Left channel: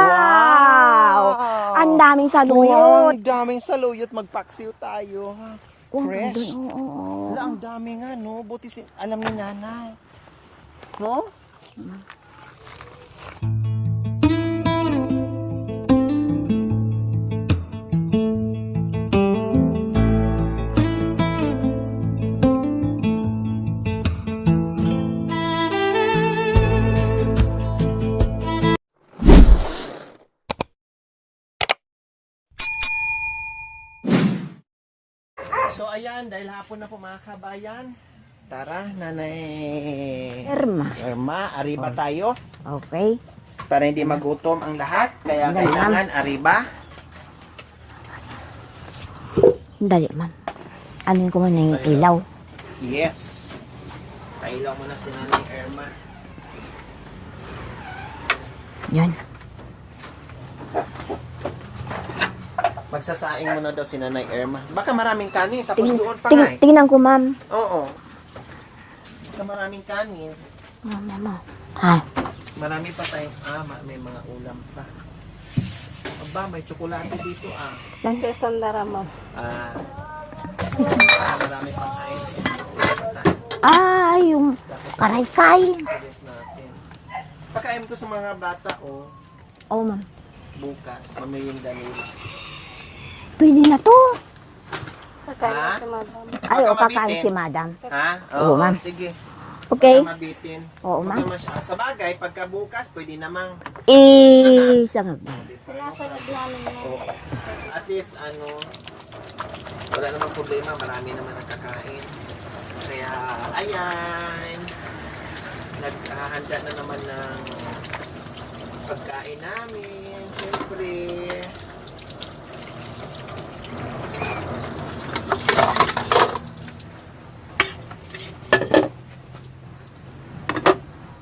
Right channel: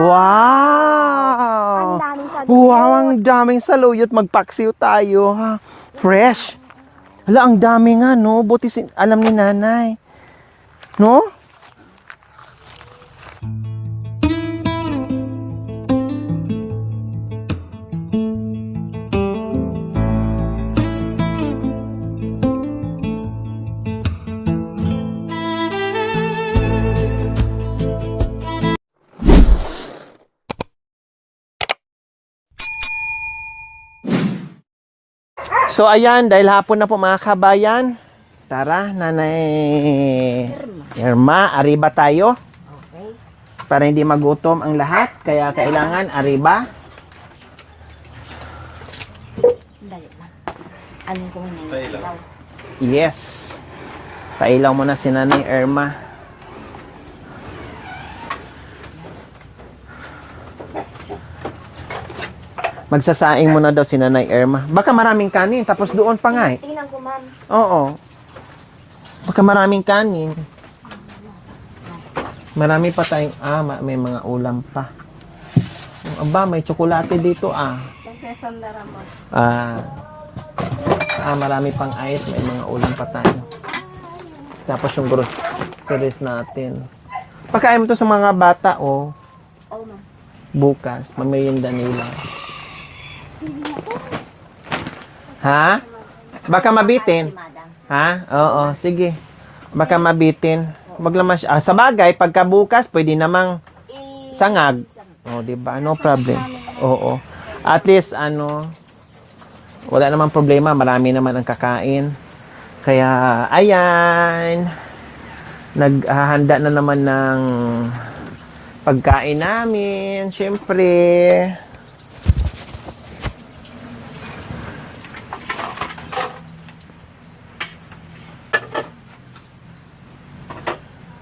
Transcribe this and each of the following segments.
Wow! Ang daming saluyot. Wow, ang daming saluyot. Magpaksiw tayo, ha? Fresh. Hala, ang dami nga, no? Buti alam ni nanay. No? So ayan, dahil hapon na po mga kabayan. Tara, Nanay Irma, arriba tayo. Okay. Para hindi magutom ang lahat. Kaya kailangan arriba. Dali, ma'am. Anin ko man na yung ilaw. Yes. Pailaw mo na si Nanay Irma. Yan. Magsasaing mo na daw si Nanay Irma. Baka maraming kanin, tapos doon pa nga eh. Tingnan ko, ma'am. Oo. Baka maraming kanin. Mama. Ay. Marami pa tayong, may mga ulam pa. Aba, may tsokolate dito marami pang ice, may mga ulam pa tayo. Yung Tapos yung arikay. groceries natin. Pagkain mo to sa mga bata, Oo, ma'am. bukas, mamirinda nila. Pwede na to. Ha? Baka Ayaw, mabitin. kakain si madam. Ha? Oo, ma'am. sige. Okay. Baka mabitin. Oo, Wag naman siya. Sa bagay, pagka bukas, pwede namang Sangag. diba? No problem. Oo. At least, wala namang problema. Marami naman ang kakain. Kaya, ayan. Naghahanda na naman ng pagkain namin. Siyempre.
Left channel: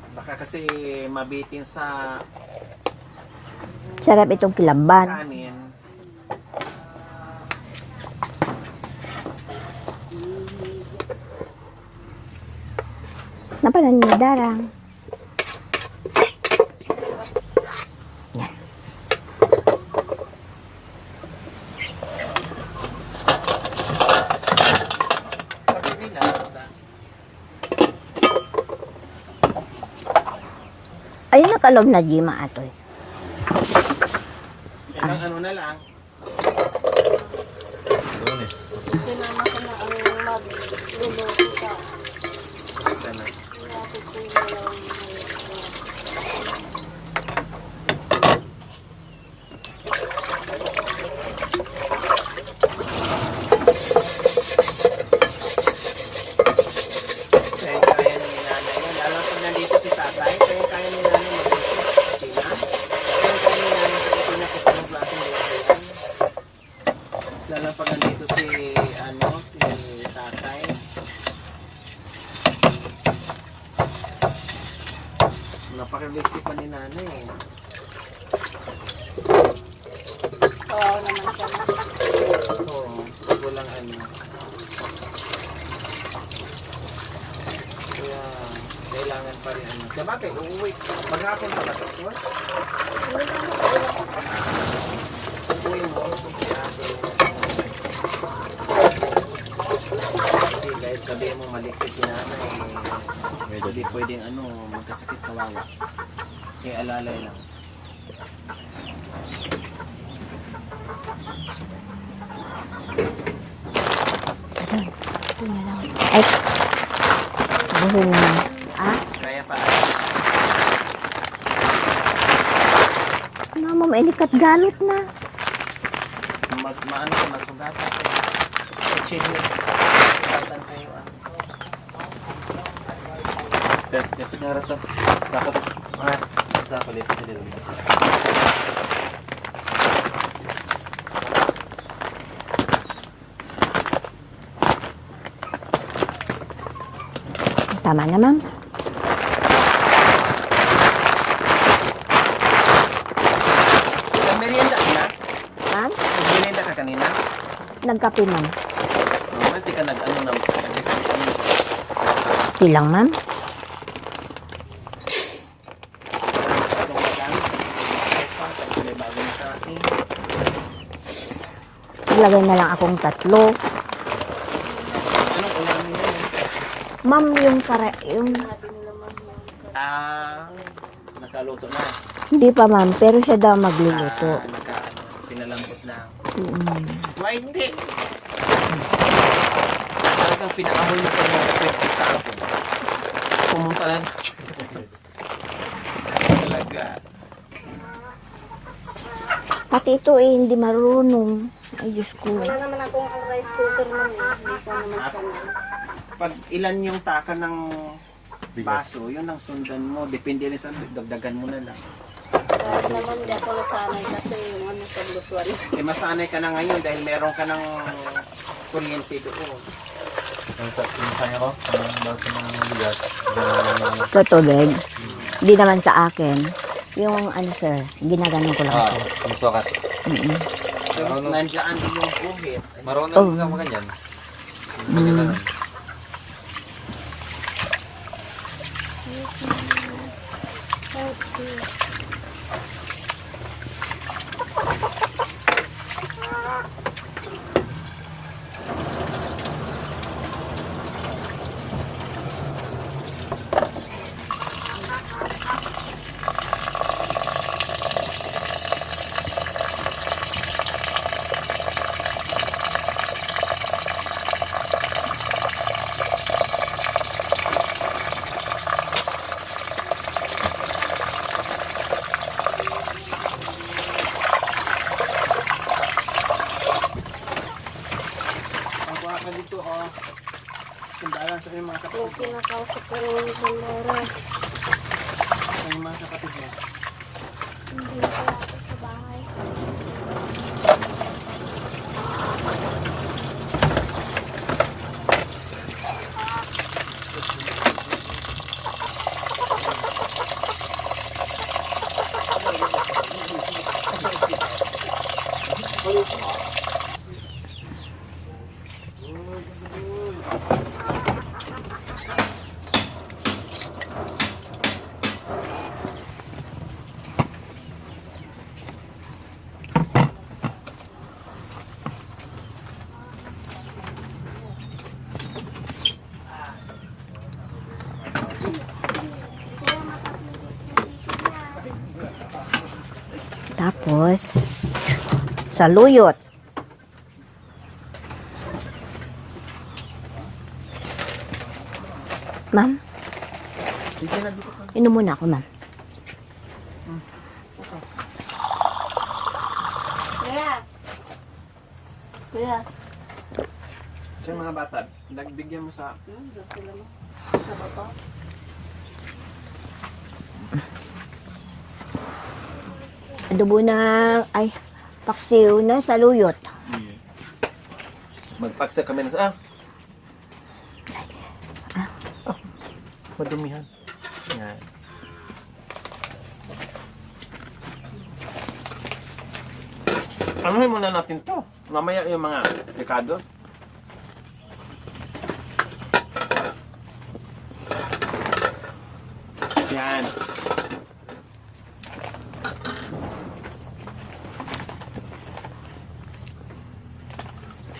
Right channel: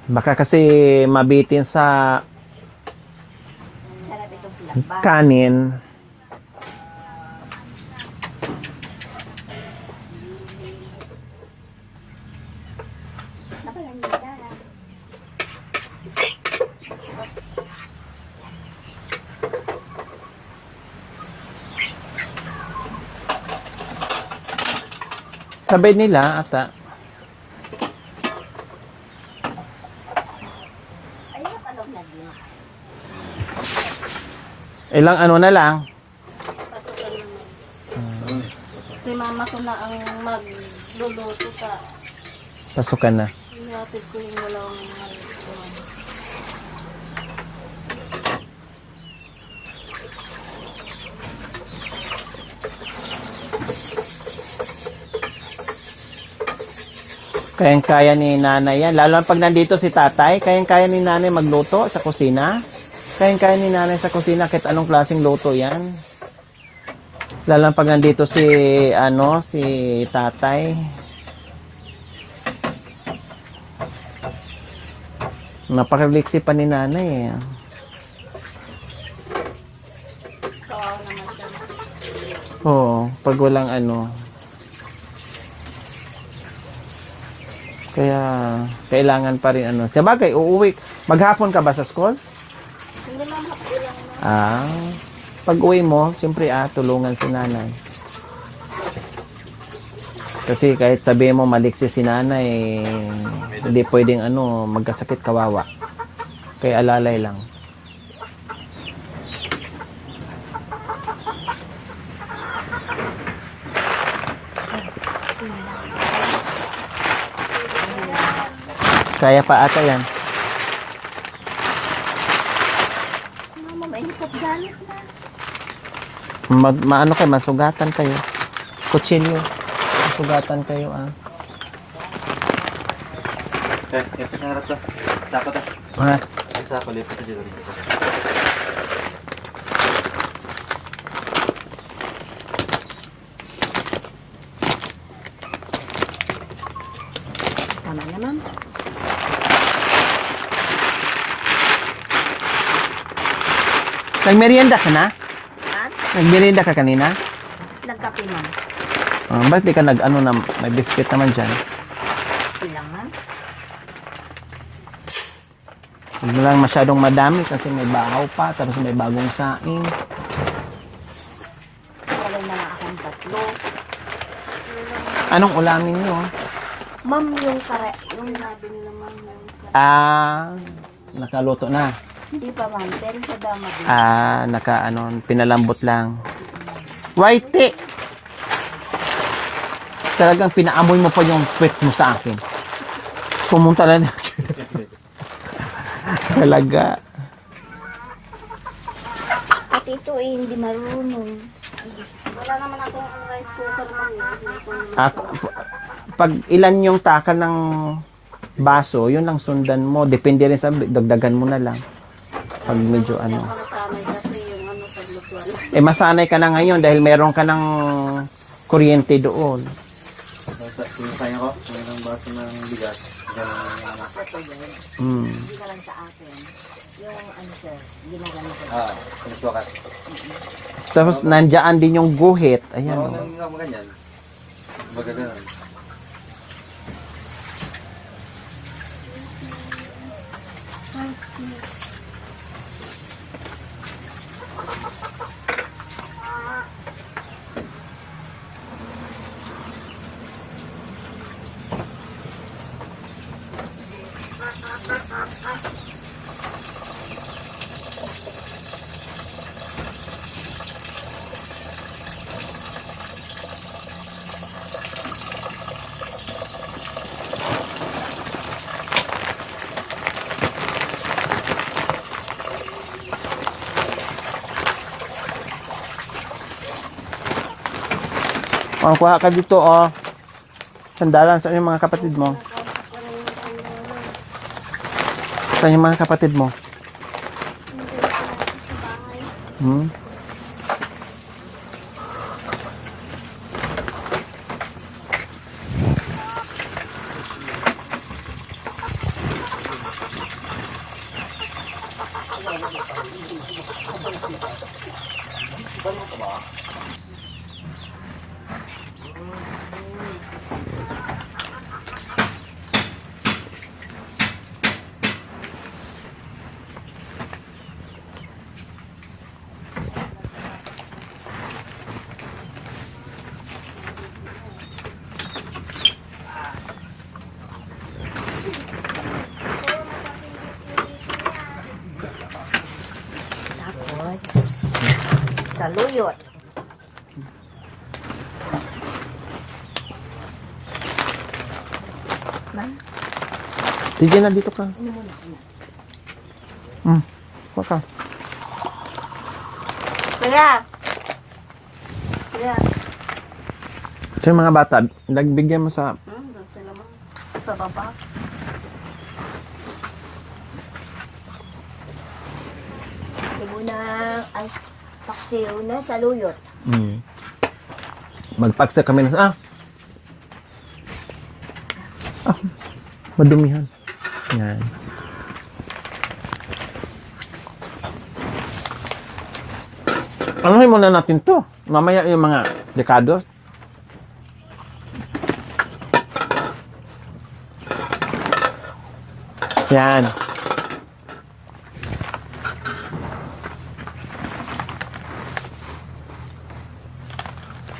Baka kasi mabitin sa Sarap itong kilamban. kanin. Napalan niyo darang. Sabi nila, ata, Ayun nakalob na Gima atoy. ilang na lang. Si mama ko na ang magluluto ka. Pasukan na. Ihatid ko yung Kayang-kaya ni nanay yan. Lalo pag nandito si tatay, kayang-kaya ni nanay magluto sa kusina. Kayang-kaya ni nanay sa kusina kahit anong klaseng luto yan. Lalo pag nandito si tatay. Napakaliksi pa ni nanay eh. kawaw naman siya. Oo, pag walang Kaya, kailangan pa rin Sa bagay, uuwi. Maghapon ka ba sa school? Pag uwi mo, siyempre tulungan si nanay. Kasi kahit sabi mo maliksi si nanay, hindi pwedeng magkasakit kawawa. Kaya alalay lang. Ay. Dahil na. Kaya pa ata yan. Mama, mailikat galot na. Maano kayo, masugatan kayo. Kutsilyo. Masugatan kayo Ito na rin ito. Sako to. Sako, lipat na dito. Tama na, ma'am. Nagmerienda ka na? Ma'am? Nagmerienda ka kanina? Nagkape, ma'am. Ba't di ka may biscuit naman dyan? Bilang, ma'am. Hindi lang masyadong madami kasi may bahaw pa, tapos may bagong saing. Ilagay na lang akong 3. Anong ulamin nyo? Ma'am, yung Nakaluto na. hindi pa ma'am, pero siya daw magluluto. Pinalambot lang. Whitey! Talagang pinaamoy mo pa yung puwet mo sa akin. Pumunta lang. Talaga. At ito hindi marunong. Ay, Diyos ko. Wala naman akong rice cooker ma'am. Hindi ko naman Pag ilan yung taka ng baso, yun lang sundan mo. Depende rin sa dagdagan mo na lang. Pag medyo Hindi ako nasanay kasi yung paglutuan. masanay ka na ngayon dahil meron ka ng kuryente doon. Yung kanya ko, ang daw sa mga bigat. Tutubig. Mm. Hindi naman sa akin. Yung sir, ginaganon ko lang. Yung sukat. Tapos nandiyan din yung guhit. Parang Ayan. ano lang ganyan. Maganda nun. Kuha ka dito, sandalan sa yung mga kapatid mo. Sa yung mga kapatid mo. Hmm? Tapos, saluyot. Ma'am, Sige na, dito ka. inom muna ako, ma'am. Kuha ka. Kaya! Kaya! Sa yung mga bata, nagbigyan mo sa... Sila ma'am. Sa baba. Dubo na, paksiw na saluyot. Magpaksa kami ng... Madumihan. Yan. Anuhin muna natin to. Mamaya yung mga dekado. Yan.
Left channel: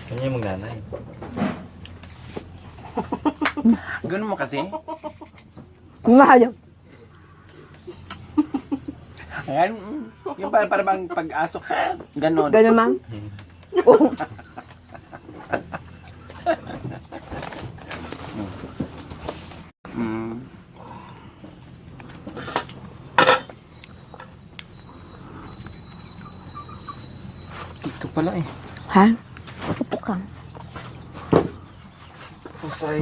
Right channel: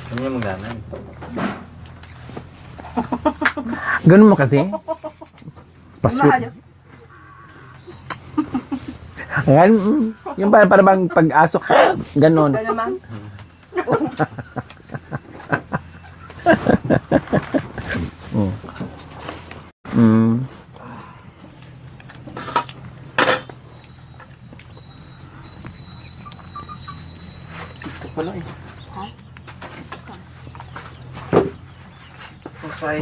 Ano yung magdanay? Ganun mo kasi. Mahal. Ganun. Yung para bang pag-aso. Ganun. Ganun, ma'am? Mm. Ito pala eh. Ha? Upo ka. Pasay.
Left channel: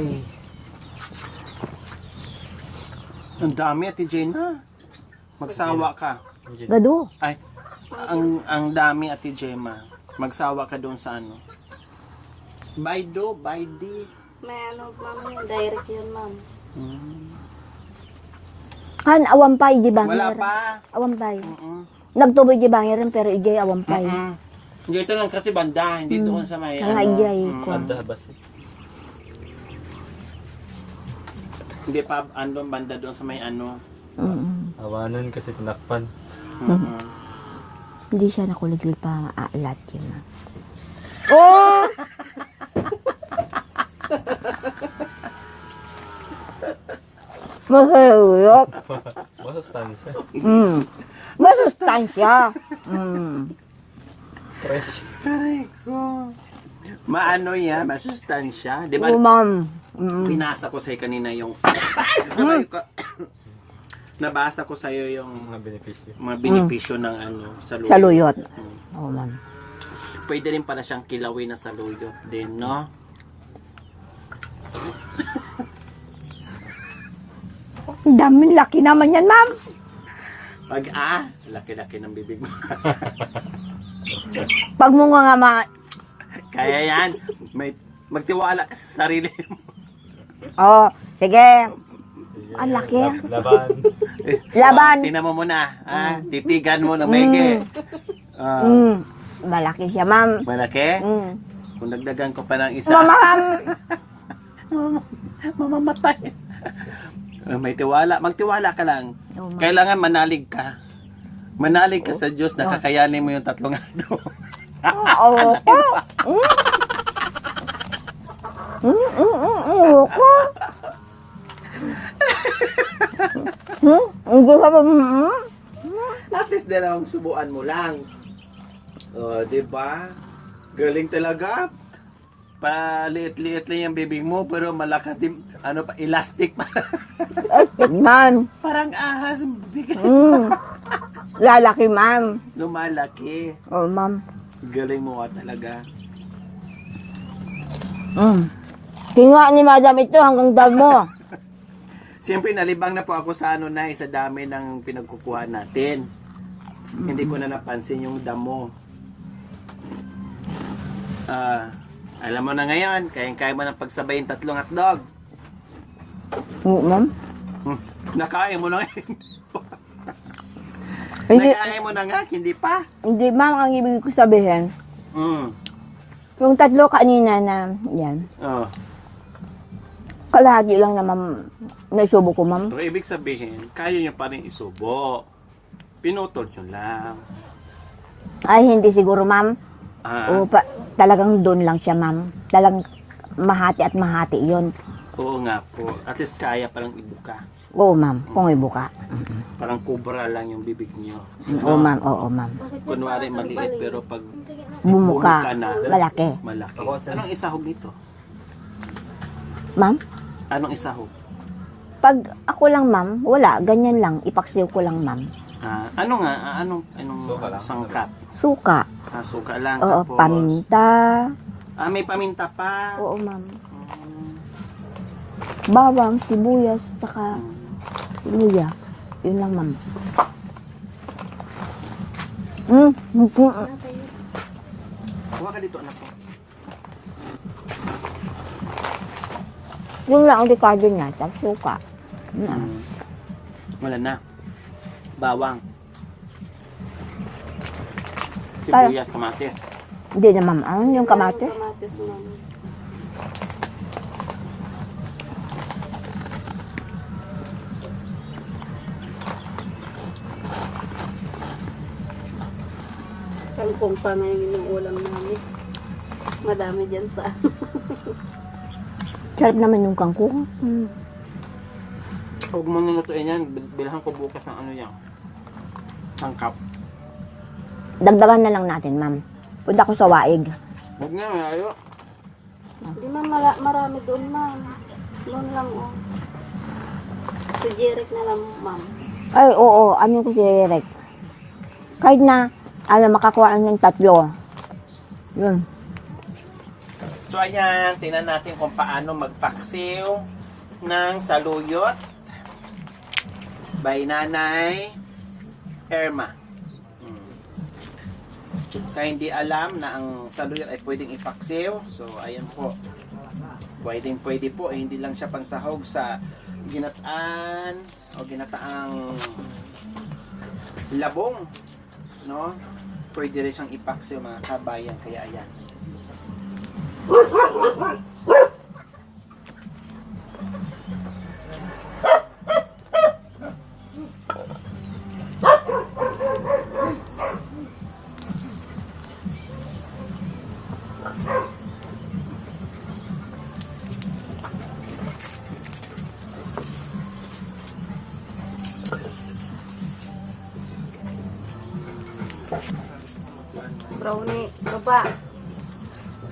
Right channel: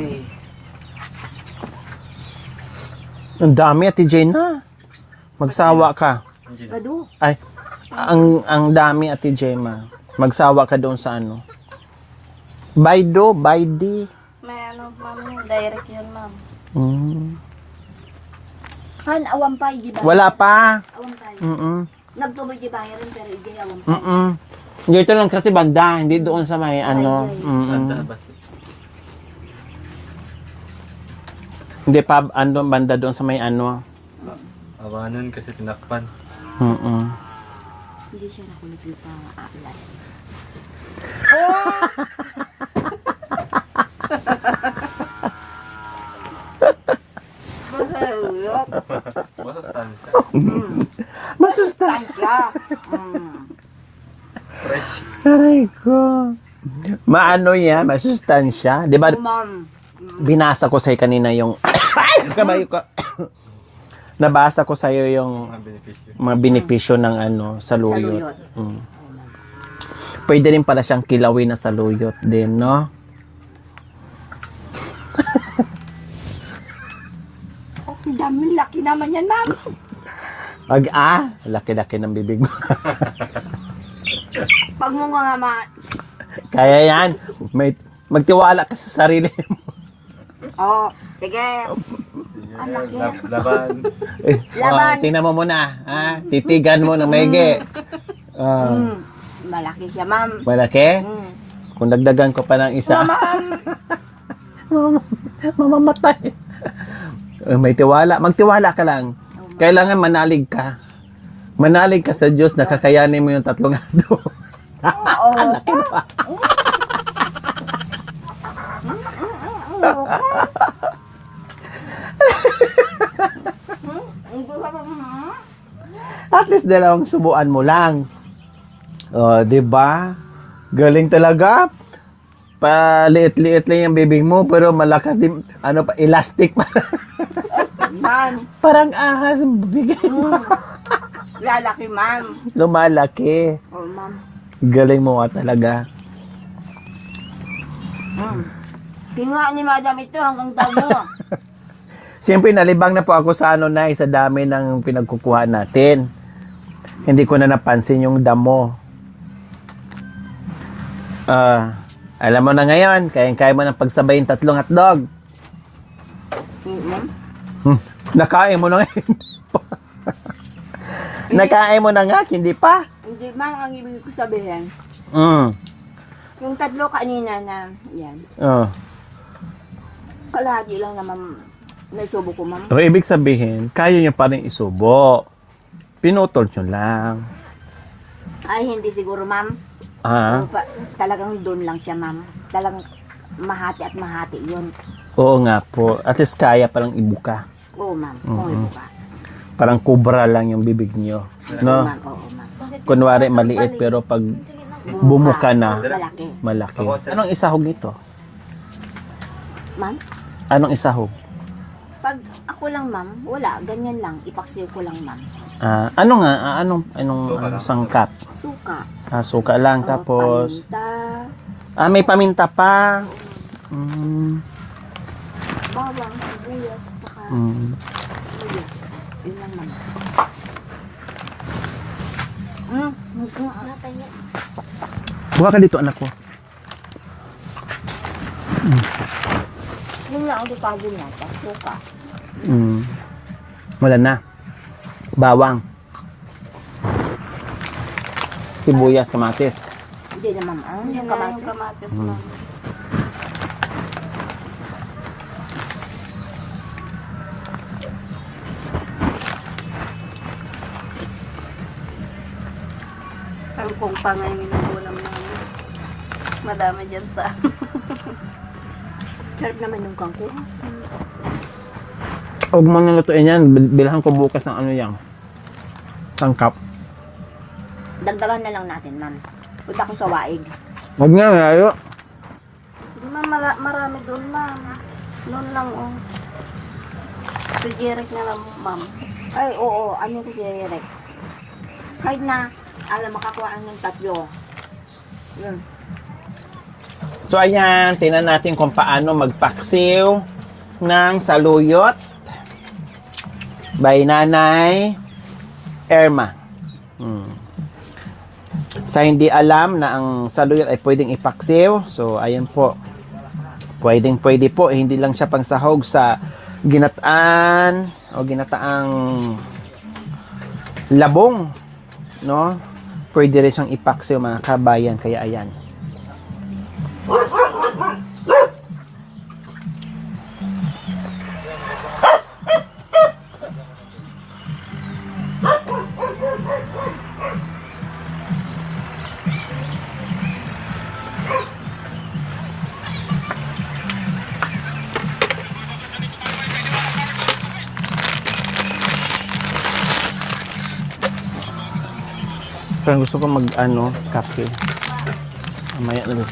Ang dami, Ate Jane na. Magsawa ka. Gado. Ay, ang dami, Ate Jema. Magsawa ka doon sa ano. Baydo, baydi. May ma'am yun. Direct yun ma'am. Han, awampay, di ba? Wala pa. Awampay. Mm-mm. Nagtuboy di ba rin, pero igay awampay. Mm-mm. Dito lang kasi banda, hindi doon sa may Mga ano. ijay. Banda bas. Hindi pa banda doon sa may ano. Mm-mm. Awanan kasi tinakpan. Hindi siya nakulagil pa aalat yun. Masayuyok. Masustansya. Masustansya. Fresh. Aray ko. Maano yan? Masustansya? Di ba? Ma'am. Binasa ko sa'yo kanina yung... Kamay ko. Nabasa ko sa'yo yung Mga benepisyo. mga benepisyo ng saluyot. Saluyot. Mm. Oo, ma'am. Pwede rin pala siyang kilawin na saluyot din, no? Ang daming laki naman yan, ma'am. Laki-laki ng bibig mo. Pag mo nga Kaya yan. Magtiwala ka sa sarili mo. Oh, sige. Ang laki. Laban. Laban. Tingnan mo muna. Titigan mo na maigi. Malaki siya, ma'am. Malaki? Kung dagdagan ko pa ng isa. Ma'am. Mamamatay. May tiwala. Magtiwala ka lang. Kailangan manalig ka. Manalig ka sa Diyos na kakayanin mo yung 3 ado. Oo. Hindi ka pa. At least 2 subuan mo lang. Di ba? Galing talaga. Paliit-liit lang yung bibig mo pero malakas din, elastic pa. Man. Parang ahas yung bibig. Lalaki, ma'am. Lumalaki. Oh, ma'am. Galing mo nga talaga. Kinuha ni madam ito hanggang daw mo. Siyempre, nalibang na po ako sa sa dami ng pinagkukuha natin. Hindi ko na napansin yung damo. Alam mo na ngayon, kaya mo na pagsabayin 3 hotdog. Ma'am? Nakain mo na ngayon. Hindi. Nakain mo na nga, hindi pa. Hindi, ma'am, ang ibig ko sabihin. Yung 3 kanina na, yan. Kalahati lang na, ma'am, naisubo ko, ma'am. So, ibig sabihin, kaya nyo pa rin isubo. Pinutol nyo lang. Ay, hindi siguro, ma'am. Talagang doon lang siya, ma'am. Talagang mahati at mahati yun. Oo nga po. At least kaya palang ibuka. Oo, ma'am. Kung ibuka. Parang kubra lang yung bibig nyo. Oo, No? ma'am. Oo, ma'am. Kunwari, maliit, pero pag Bumuka. bumuka na, Malaki. malaki. Anong isahog nito? Ma'am? Anong isahog? Pag ako lang, ma'am, wala. Ganyan lang. Ipaksiw ko lang, ma'am. Ano nga? Anong sangkap? Suka. Suka lang. Oo, Tapos, paminta. may paminta pa. Oo, ma'am. Mm, Bawang, sibuyas, saka luya. Yun lang, ma'am. Buka ka dito, anak ko. Yun lang ang dekado niya. Tapos suka. Wala na. Bawang. Sibuyas, kamatis. Hindi na, ma'am. Ano yung kamatis? Yung kamatis, ma'am. Kangkong pa nga yung inugulam namin. Madami dyan sa... Sarap naman yung kangkong. Huwag mo nang lutuin yan. Bilhan ko bukas ng yan. Sangkap. Dagdagan na lang natin, ma'am. Punta ko sa waig. Huwag nga, ngayo. Hindi man marami doon, ma'am. Doon lang, oh. Si Jeric na lang, ma'am. Ay, oo. Ano ko si Rek? Kahit na, makakuha ng 3. Yun. So ayan, tingnan natin kung paano magpaksiw ng saluyot by Nanay Erma. Sa hindi alam na ang saluyot ay pwedeng ipaksiw, so ayan po. Pwede po, hindi lang siya pangsahog sa ginataan o ginataang labong, no? Pwede rin siyang ipaksiw, mga kabayan, kaya ayan. Parang gusto ko mag-ano, saksi. Baba. Mamaya na rin.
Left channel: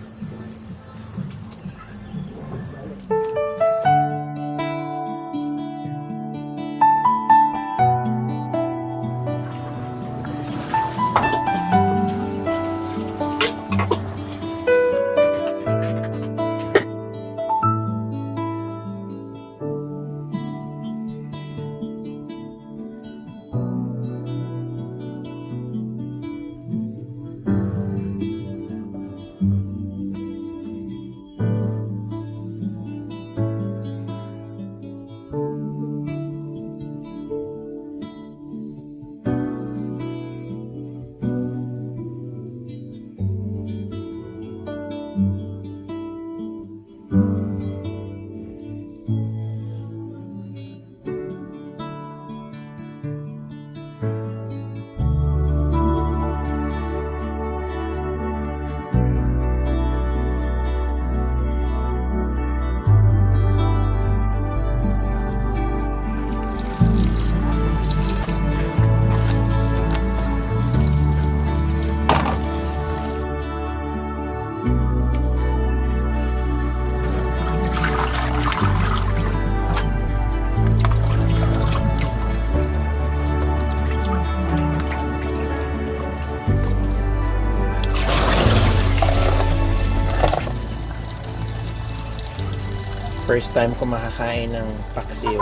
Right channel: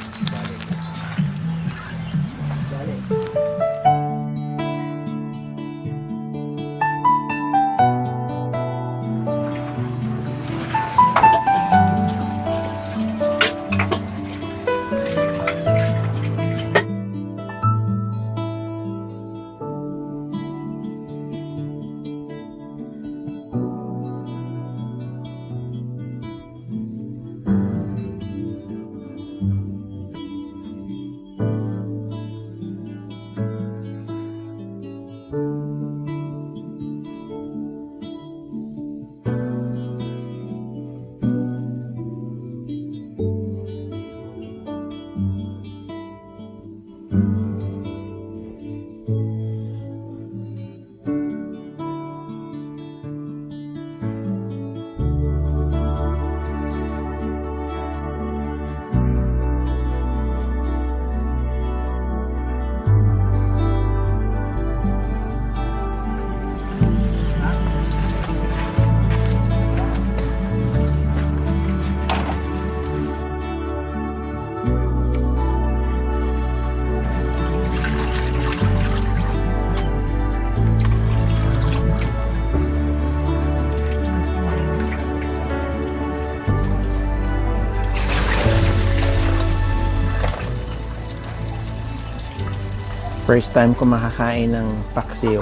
First time ko makakain ng paksiw.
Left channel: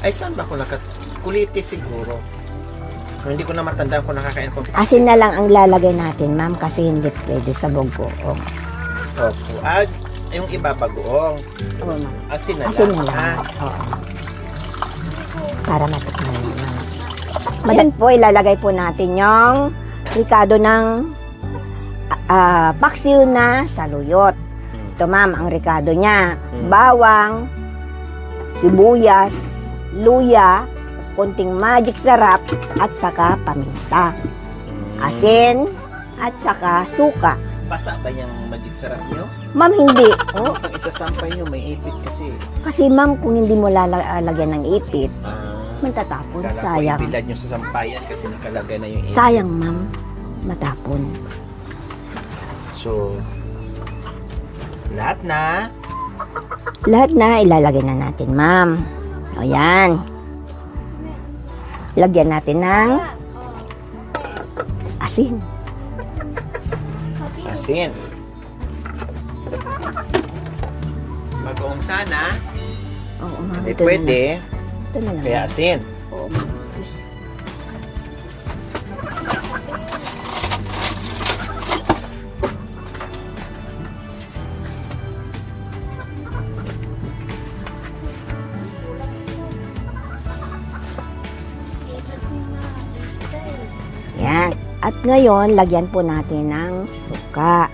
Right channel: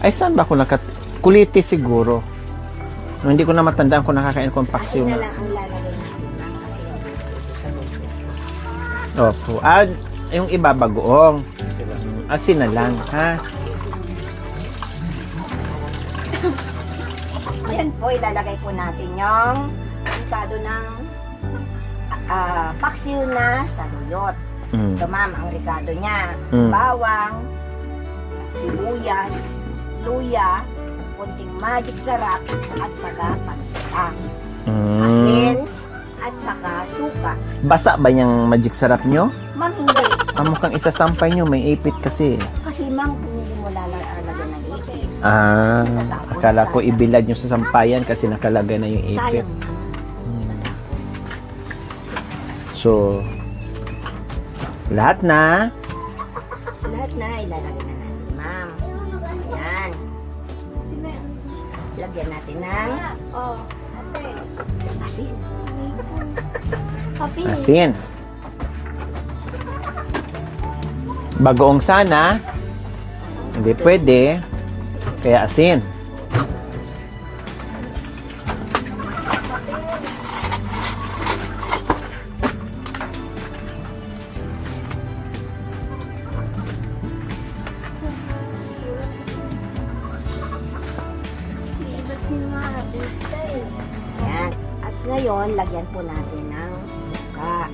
Ay, saan ba ako Kulitis siguro. Hindi ko na matandaan kung nakakain ko ng paksiw. Asin na lang ang lalagay natin, ma'am, kasi hindi pwede sa bugoong. Opo. Yung iba bagoong. Asin na lang, Asin na lang. ha? Para matikman. Madan po, ilalagay po natin yung ricado ng paksiw na saluyot. Mm. Ito, ma'am, ang ricado niya. Mm. Bawang, sibuyas, luya, konting magic sarap, at saka paminta. Asin, at saka suka. Basa ba yung magic sarap nyo? Ma'am, hindi. Ang mukhang isasampay nyo, may ipit kasi. Kasi ma'am, kung hindi mo lalagyan ng ipit, Matatapon, Akala ko sayang. ibilad nyo sa sampayan kasi nakalagay na yung ipit. sayang ma'am, matapon. So, lahat na. Lahat na ilalagay na natin, ma'am. O yan. Lagyan natin ng asin. Asin. Bagoong sana. Hindi Ito na. pwede. Ito na lang. Kaya asin. Yan. At ngayon, lagyan po natin ng suka.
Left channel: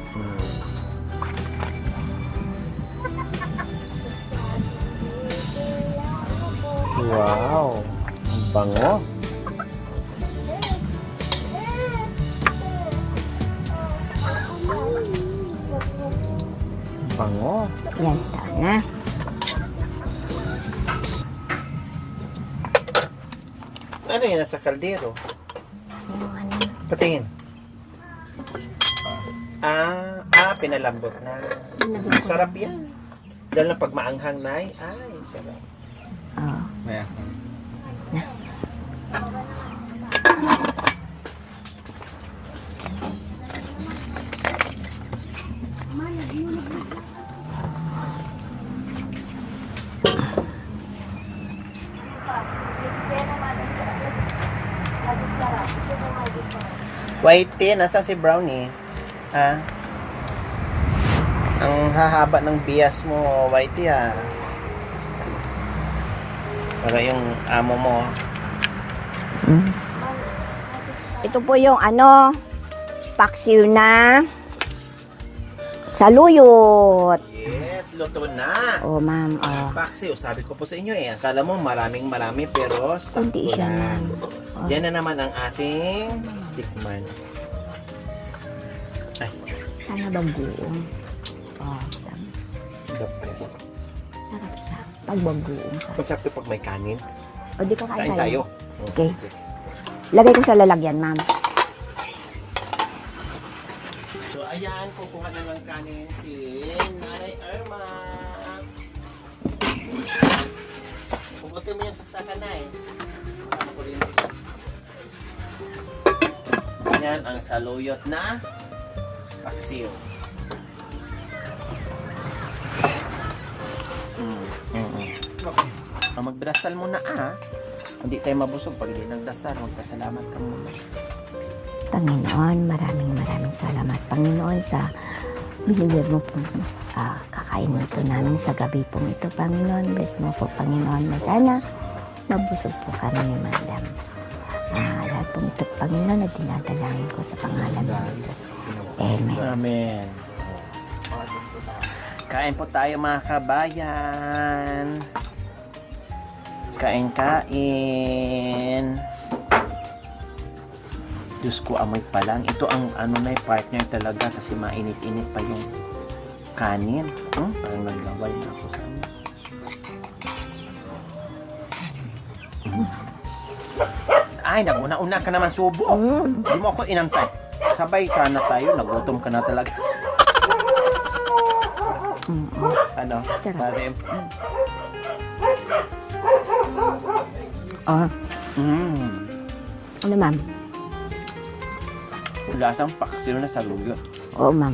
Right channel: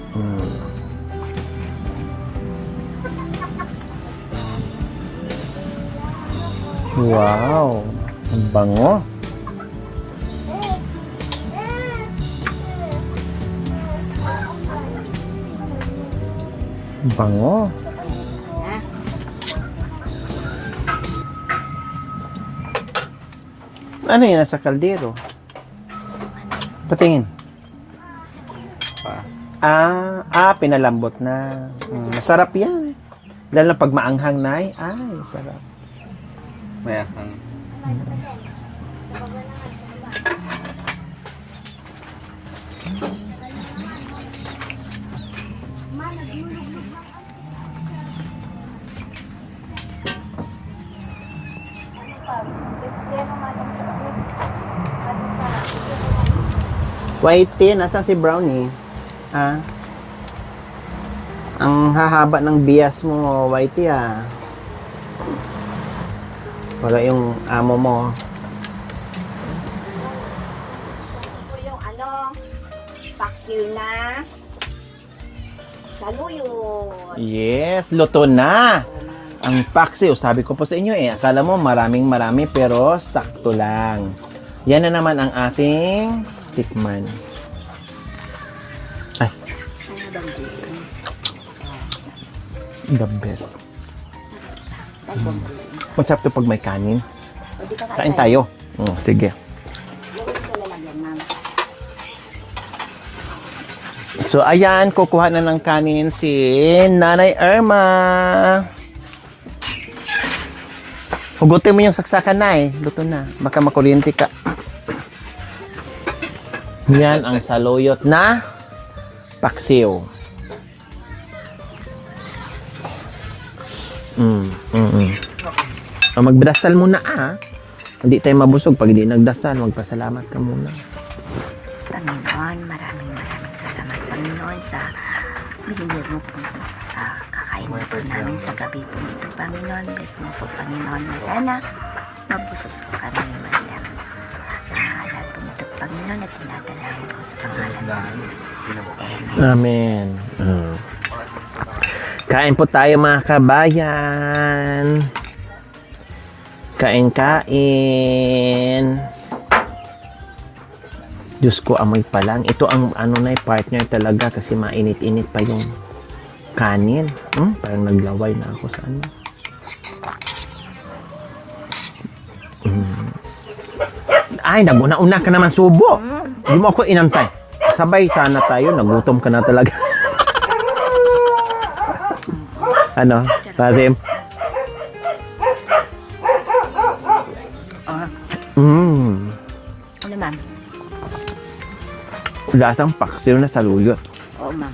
Wow. Ang bango. Ang bango. Yan, tama na. Ano yun nasa kaldero? Patingin. Pinalambot na. Sarap yan. Lalo pag maanghang na ay sarap. Maya. Whitey, nasa si Brownie? Ha? Ang hahaba ng bias mo, Whitey, ha? Para yung amo mo. Ito po yung paksiw na saluyot. Yes, luto na. O, ma'am. Ang paksiw, sabi ko po sa inyo akala mo marami pero sakto Kunti siya. lang. Yan na naman ang ating tikman. Ay, Sana ba dito? the best. Ay, buong Masarap to pag may kanin. O, di ka Kain tayo. Okay. Sige. Lagay ko sa lalagyan, ma'am. So, ayan, kukuha na ng kanin si Nanay Irma. Hugutin mo yung saksakan na Luto na. Baka makuryente ka. Yan ang saluyot na paksiw. So, magdasal muna Hindi tayo mabusog pag hindi nagdasal. Magpasalamat ka muna. Panginoon, maraming salamat, Panginoon, sa binigyan mo po kakainin po namin sa gabi po ito, Panginoon. Bless mo po, Panginoon, na sana mabusog po kami ni Madam. Lahat po ito, Panginoon, at dinadalangin ko sa pangalan ng Jesus. Amen. Amen. Kain po tayo, mga kabayan. Kain. Diyos ko, amoy pa lang. Ito ang partner talaga kasi mainit-init pa yung kanin. Parang naglaway na ako sa ano. Ay, naguna-una ka naman subo. Hindi mo ako inantay. Sabay sana tayo, nagutom ka na talaga. Ano? Razim? Ano, ma'am? Lasang paksiw na saluyot. Oo, ma'am.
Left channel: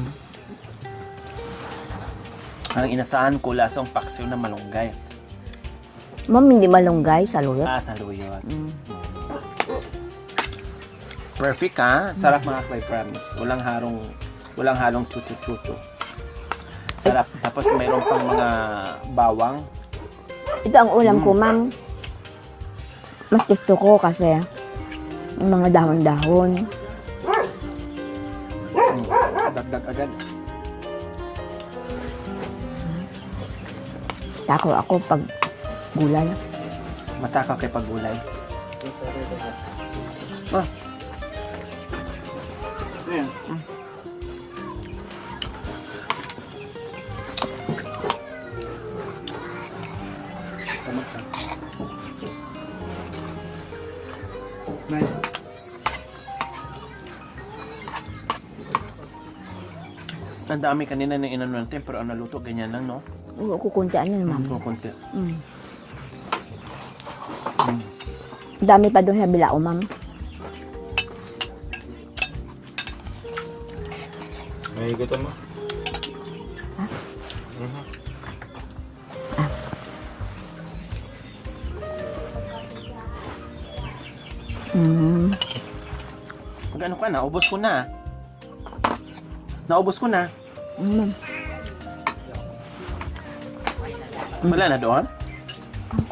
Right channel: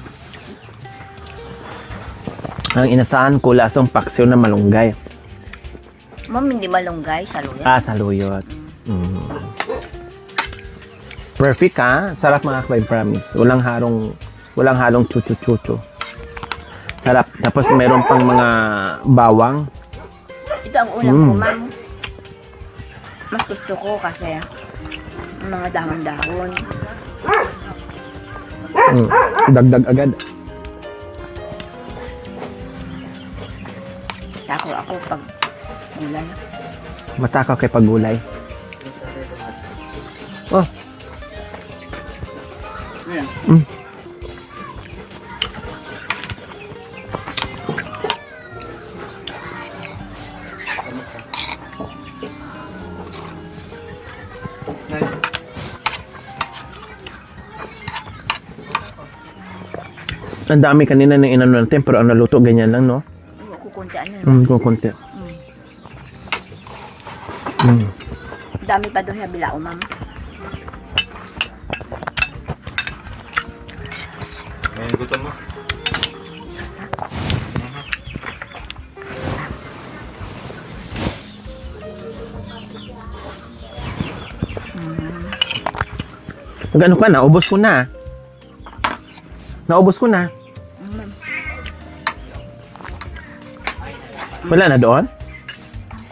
Ang inasahan ko, lasang paksiw na malunggay. Ma'am, hindi malunggay, saluyot. Saluyot. Perfect Sarap mga kabay, promise. Walang halong chuchu-chuchu. Sarap. Tapos meron pang mga bawang. Ito ang ulam ko, ma'am. Mas gusto ko kasi yung mga dahon-dahon. Dagdag agad. Tako ako pag gulay. Matakaw kay paggulay. Oh. Ang dami kanina ng inano natin, pero ang naluto ganyan lang, no? Oo, kukuntian yun. Kukunti. Dami pa doon sa bilao, ma'am. May gutom mo? Ano ka, naubos ko na. Naubos ko na. Wala na doon?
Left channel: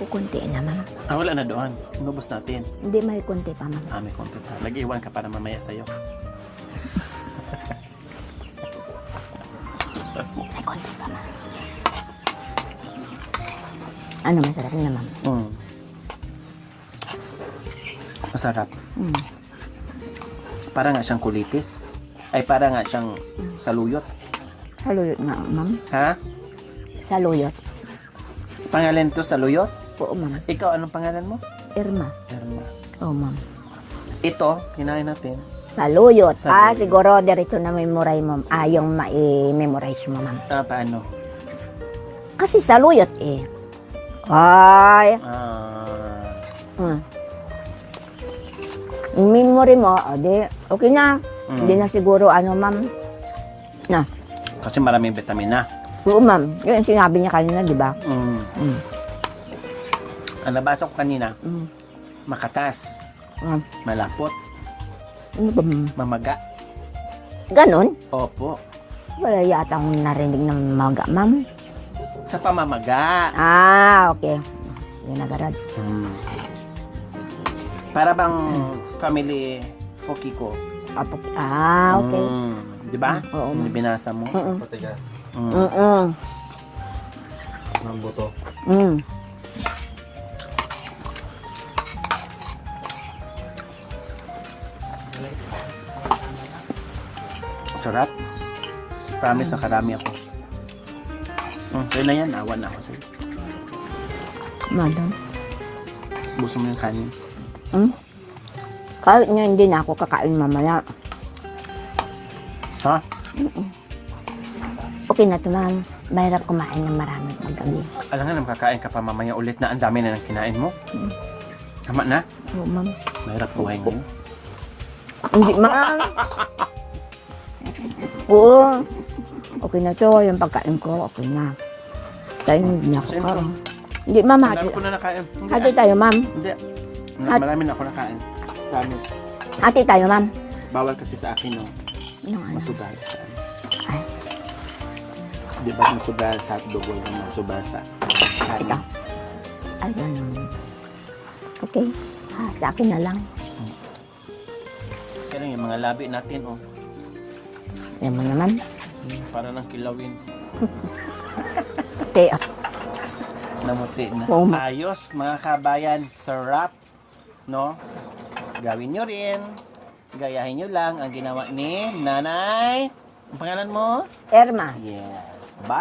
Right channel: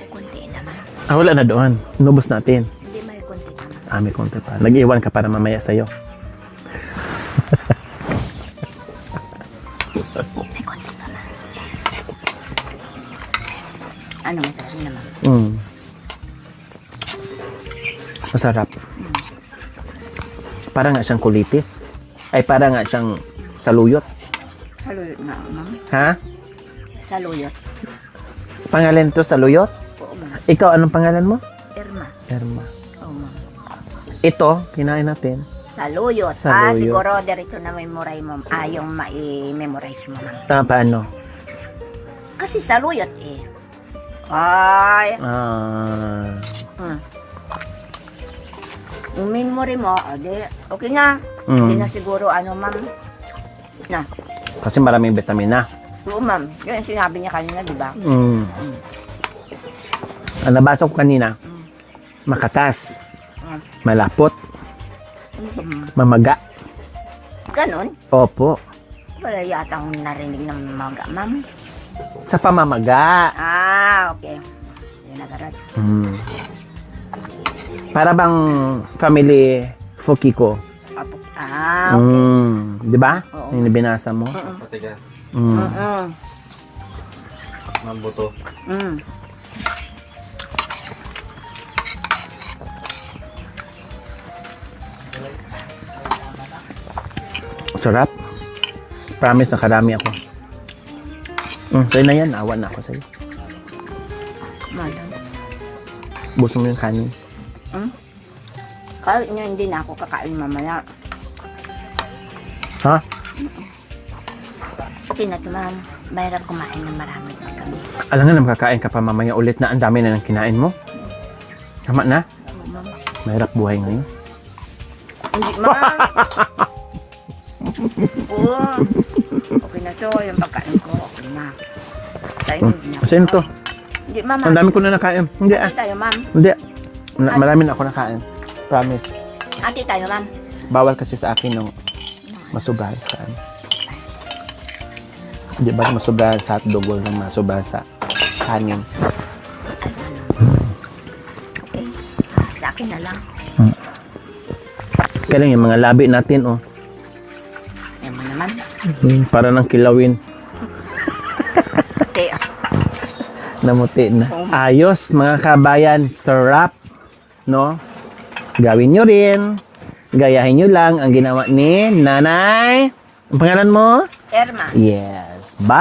Kukunti naman. Wala na doon. Inubos natin. Hindi, may kunti naman. May konti pa. Nag-iwan ka para mamaya sa'yo. May kunti naman. Ano, masarap naman. Masarap. Para nga siyang kulitis. Ay, para nga siyang saluyot. Saluyot nga, ma'am. Ha? Saluyot. Pangalan to, saluyot? Oo, ma'am. Ikaw, anong pangalan mo? Irma. Erma. Oo, ma'am. Ito, kinain natin. Saluyot. Saluyot. Siguro, diretso na memorize mo. Yung ma-memorize mo, ma'am. Paano? Kasi saluyot, eh. Ay. Memory mo, okay na. Hindi na siguro, ma'am. Na. Kasi maraming vitamin na. Oo, ma'am. Yun ang sinabi niya kanina, di ba? Ang nabasa ko kanina, makatas, malapot, Ano ba, ma'am? mamaga. Ganon? Opo. Wala yatang narinig ng maga, ma'am. Sa pamamaga. Okay. Hindi nagarad. Para bang family Fukiko. Okay. Di ba? Oo. Yung binasa mo. Patigas. Mabuto. Sarap. Promise, nakarami ako. Sa'yo na yan. Awan na ako sa'yo. Madam. Busong yung kanin. Kahit nga hindi na ako kakain mamaya. Ha? Okay na ito, ma'am. Mahirap kumain ng marami ng gabi. Alam nga na makakain ka pa mamaya ulit na ang dami na ng kinain mo. Tama na? Oo, ma'am. Mahirap buhay ngayon. Hindi, ma'am. Oo. Okay na to. Yung pagkain ko, okay na. Tayo, hindi na ako. Sino to? Hindi, ma'am. Ang dami ko na nakain. Hindi Ate tayo, ma'am. Hindi. Marami na ako nakain. Promise. Ate tayo, ma'am. Bawal kasi sa akin nung masubrahan sa ano. Hindi ba masubrahan sa hotdog o nang masubrahan sa kanin? Ay, ano. Okay. Sa akin na lang. Kaya lang yung mga labi natin, oh. Yan mo naman. Para nang kilawin. Pati. Namuti na. Oo. Ayos, mga kabayan. Sarap. No? Gawin nyo rin. Gayahin nyo lang ang ginawa ni Nanay. Ang pangalan mo? Erma. Yes. Bye!